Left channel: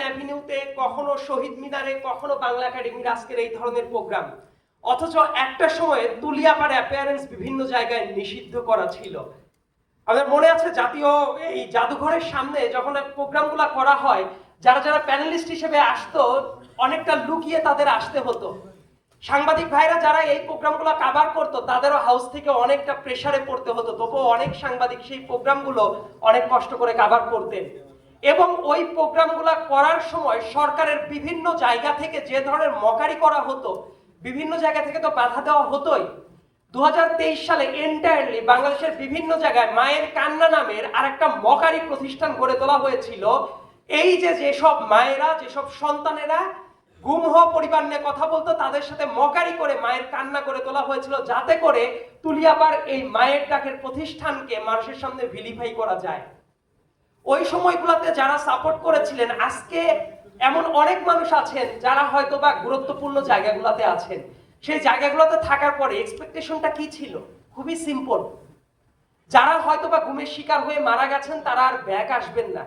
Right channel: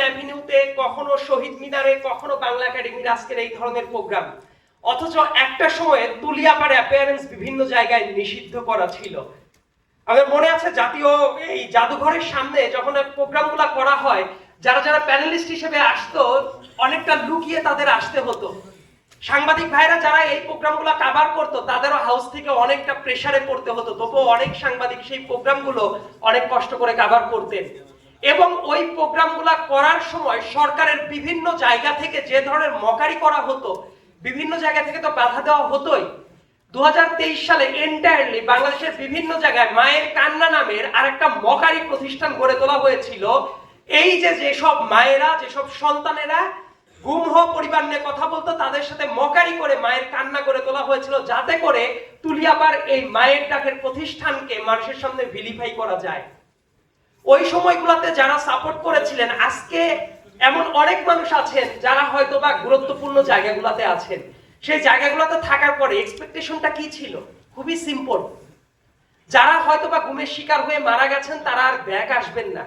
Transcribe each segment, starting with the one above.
অ্যাভিনিউতে কখনো শহীদ মিনারে, কখনো বাংলা একাডেমির আজকের এই ধরনের প্রোগ্রাম। অথচ একটা সময়ে তুলিয়াপাড় অ্যাপিয়ারেন্স বিভিন্ন জায়গায় নিষিদ্ধ করা ছিল। মনে আছে জাতীয় এই জাদুঘরের সামনে যখন প্রোগ্রামগুলো করা হয়, যারা যারা প্যানেলিস্ট হিসেবে আসতো, অনেকটা লুকিয়ে তাদের আসতে হতো। সাংবাদিক ভাইরা যারা এই প্রোগ্রামগুলো কাভার করতো, তাদেরও হাউস থেকে অনেকটা প্রেসারে পড়তে হতো। তবুও অনেক সাংবাদিক সেই প্রোগ্রামগুলো অনেক কষ্ট করে কাভার করতেন। এবং ওই প্রোগ্রামগুলো করার সময় সরকারের বিভিন্ন জায়গা থেকে যে ধরনের মকারি করা হতো, বিভিন্ন জায়গা থেকে তো বাধা দেওয়া হতোই। দু হাজার তেইশ সালে এন্টায়ারলি বাংলাদেশের বিভিন্ন জায়গায় মায়ের কান্না নামের আরেকটা মকারি প্রতিষ্ঠান গড়ে তোলা হয়েছিল। এই যে যেসব মায়েরা, যেসব সন্তানেরা গুম হওয়া পরিবার নিয়ে কথা বলতো, তাদের সাথে মকারি করে মায়ের কান্না করে তোলা হয়েছিল, যাতে করে তুলিয়াবার এই মায়ের ডাকের প্রতিষ্ঠানকে মানুষের সামনে ভিলিফাই করা যায়। ওই সময়গুলোতে যারা সাপোর্ট করেছিলেন, আজকে এমন অনেক মানুষ আছেন যারা হয়তো বা গুরুত্বপূর্ণ জায়গাগুলোতে আছেন। সেই জায়গাগুলোতে থাকার পরে এক্সপেকটেশনটা কি ছিল? খুবই সিম্পল যারা হয়তো বা গুমের শিকার হয়ে মারা গেছেন, তারা আর ব্যাক আসবেন না।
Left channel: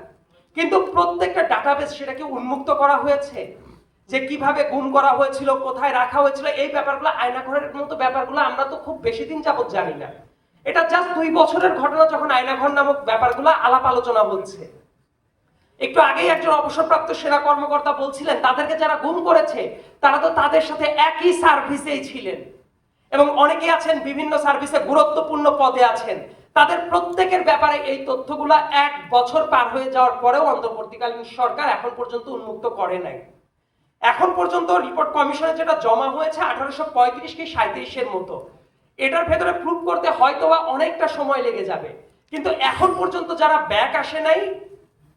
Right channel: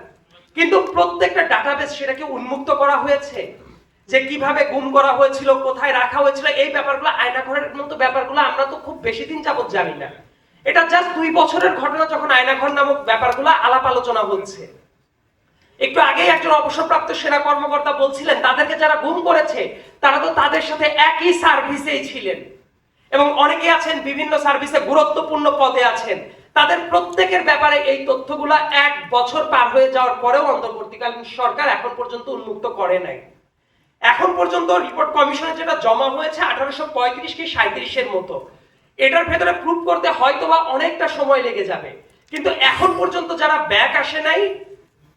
কিন্তু প্রত্যেকটা ডাটাবেস সেটাকে উন্মুক্ত করা হয়েছে যে কীভাবে গুম করা হয়েছিল, কোথায় রাখা হয়েছিল, এই ব্যাপারগুলো আয়নাঘরের মতো ব্যাপারগুলো আমরা তো খুব বেশি দিন যাবত জানি না। এটা জাস্ট দুই বছরের ঘটনা যখন আয়নাঘর নামক ব্যাপারগুলো আলাপ আলোচনা হচ্ছে। একটু আগেই একজন অবসরপ্রাপ্ত সেনা কর্মকর্তা বলছিলেন, তাদেরকে যারা গুম করেছে, তারা তো তাদের সাথে একই সার্ভিসেই ছিলেন। এবং অনেকে আছেন, বিভিন্ন সার্ভিসে গুরুত্বপূর্ণ পদে আছেন। তাদের প্রত্যেকের ব্যাপারে এই তথ্যগুলো এক বছর পার হয়ে যাওয়ার পরেও অন্তর্বর্তীকালীন সরকার এখন পর্যন্ত উন্মুক্ত করে নাই। এখন পর্যন্ত রিপোর্ট কমিশনে যেটা জমা হয়েছে, আঠারোশো পঁয়ত্রিশ কি সাঁত্রিশের মতো। এটার ভেতরে প্রুভ করতে হয়তো বা অনেকটা সময় লেগে যাবে। কিন্তু এখন পর্যন্ত যারা ব্যাক আসে নাই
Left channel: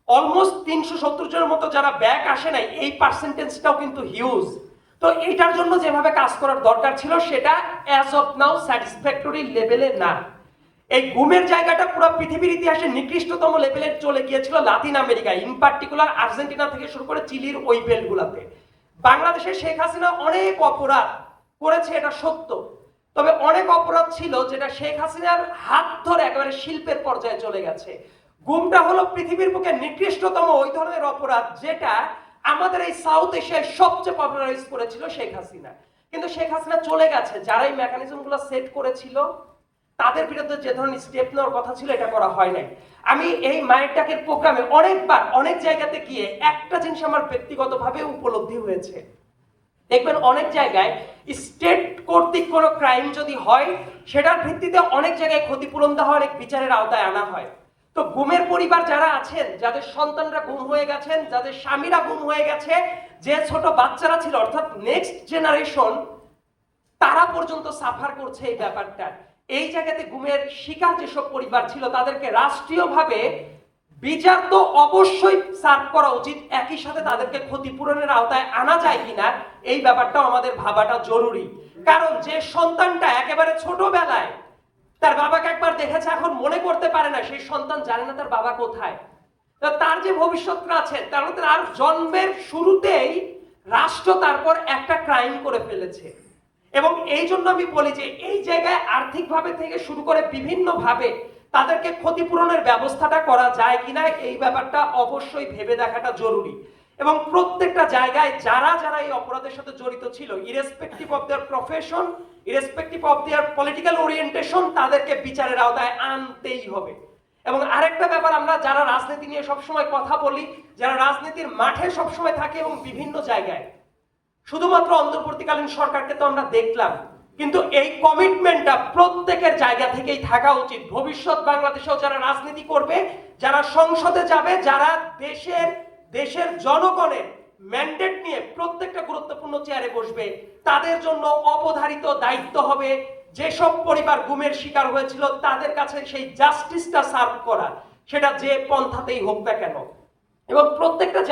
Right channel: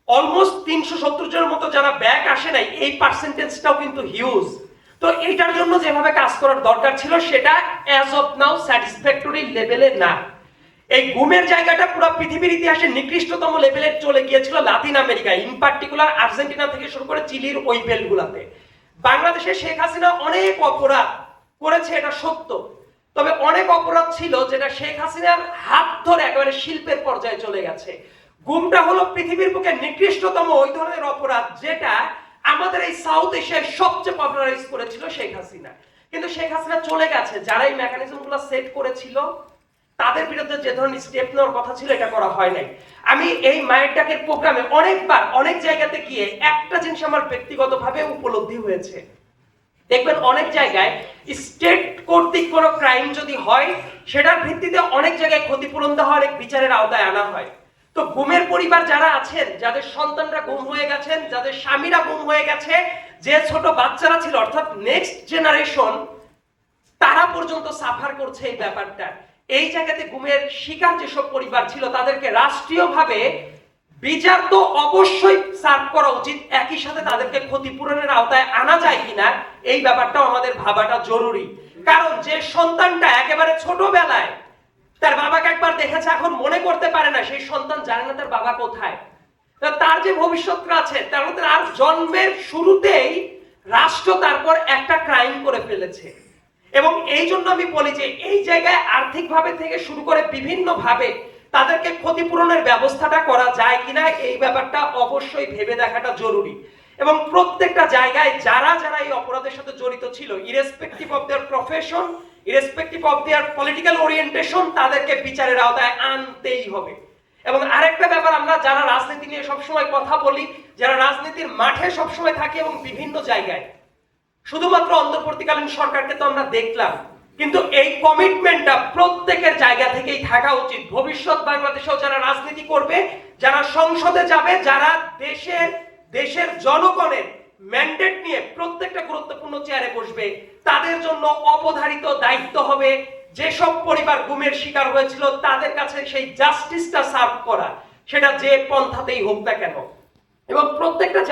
অলমোস্ট তিনশো সত্তর জনের মতো যারা ব্যাক আসে নাই, এই পার্সেন্টেজটাও কিন্তু হিউজ তো এইটার জন্য যেভাবে কাজ করার দরকার ছিল, সেটা অ্যাজ অফ নাও স্যাটিসফ্যাক্টরি লেভেলে না। এই গুমের জায়গাটা পুরো পৃথিবীর ইতিহাসে নিকৃষ্টতম লেভেলে চলে গিয়েছিল Latin America in particular Argentina থেকে শুরু করে চিলির ওই বেলগুলাতে বাংলাদেশে শেখ হাসিনা অনেক অপরাধ করেছে, এটা সত্য। তবে অনেক অপরাধ ছিল যেটা শেখ হাসিনার হাত ধরে একেবারে শিল্পের পর্যায়ে চলে গেছে। গুমটা হলো পৃথিবীর বুকে নিকৃষ্টতম ওই ধরনের অপরাধ যেটা আমাদের এই সাউথ এশিয়ায় সবচেয়ে পপুলারাইজ করেছিল শেখ হাসিনা। কিন্তু শেখ হাসিনা চলে গেছে, যারা এই মেকানিজমগুলো সেট করেছিল, তাদের বিরুদ্ধে যে ধরনের স্টেপ নেওয়ার কথা ছিল, এটা করা হয় নাই। আমি এই মায়ের ডাকের প্রোগ্রামে অনেকবার, অনেক জায়গাতে গিয়ে একটা জিনিস আমার ব্যক্তিগতভাবে উপলব্ধি হয়েছে। দেখবেন অনেক জায়গায় স্টেট কর্তৃক কোনো ক্রাইম যদি হয়, সেটার ভিত্তিতে অনেক জায়গায় ক্ষতিপূরণ দেওয়া অনেক বিচারের আওতায় আনা হয়। তো গুমের পরিবার যারা আছেন, যাদের সন্তানরা গুম হয়ে গেছেন, যাদের স্বামীরা গুম হয়ে গেছে, যে ছোট বাচ্চারা ছিল, অর্থাৎ নেক্সট জেনারেশন তারা পর্যন্ত সাফার করছে এই ব্যাপারটা। এই জায়গাতে গুমের শিকার যেসব পরিবার ছিল, তাদেরকে রাষ্ট্রীয়ভাবে বিচার তো অবশ্যই সার্ভ করা উচিত। একই সাথে তাদেরকে ক্ষতিপূরণের আওতায় আনা যায় কিনা, এই ব্যাপারটাও আমাদের ভাবাটা জরুরি। কারণ যে সন্তানটা একেবারে ছোটবেলায়, তার বাবাকে একবার দেখেছে, এখন মনে করতে পারে না সেই সন্তান জানে না তার বাবা কোথায়। তার যে ভবিষ্যৎটা আছে, তার মধ্যে আর জন্মের শুরুতেই রাষ্ট্র তারপর একটা ক্রাইম করে ফেলেছে। এবং এই জন্য আমি বলি যে, এই জায়গায় আর্থিকভাবে থেকে শুরু করে বিভিন্ন ভাবে তাদেরকে ক্ষতিপূরণের ব্যবস্থাটা করা যায় কিনা এই ব্যাপারটা অবশ্যই ভেবে দেখাটা জরুরি। এবং প্রত্যেকটা জায়গায় যারা যারা এই অপরাধের সাথে জড়িত ছিল irrespective of their profession irrespective of their political orientation তাদেরকে বিচারের আওতায় আনতেই হবে। এবং আরেকটা ব্যাপার, আমরা যারা রাজনীতি নিয়ে সবসময় কথা বলি, যারা রাজনীতির মাঠে সবসময় থাকি এবং বিভিন্ন জায়গায়, শুধুমাত্র অন্তর্বর্তীকালীন সরকারকে তো আমরা দেখলাম কিন্তু এই কমিটমেন্টটা প্রত্যেকের জায়গা থেকেই থাকা উচিত। ভবিষ্যৎ বাংলাদেশেও যারা রাজনীতি করবে, যারা সংসদে যাবে, যারা দেশের দেশের জনগণের ম্যান্ডেট নিয়ে প্রত্যেকটা গুরুত্বপূর্ণ চেয়ারে বসবে, তাদের জন্য অবধারিত দায়িত্ব হবে। যেসব পরিবার গুমের শিকার হয়েছিল, তাদের কাছে সেই জাস্টিসটা সার্ভ করা, সেটা যে পন্থাতেই হোক না কেন। এবং প্রত্যেকটা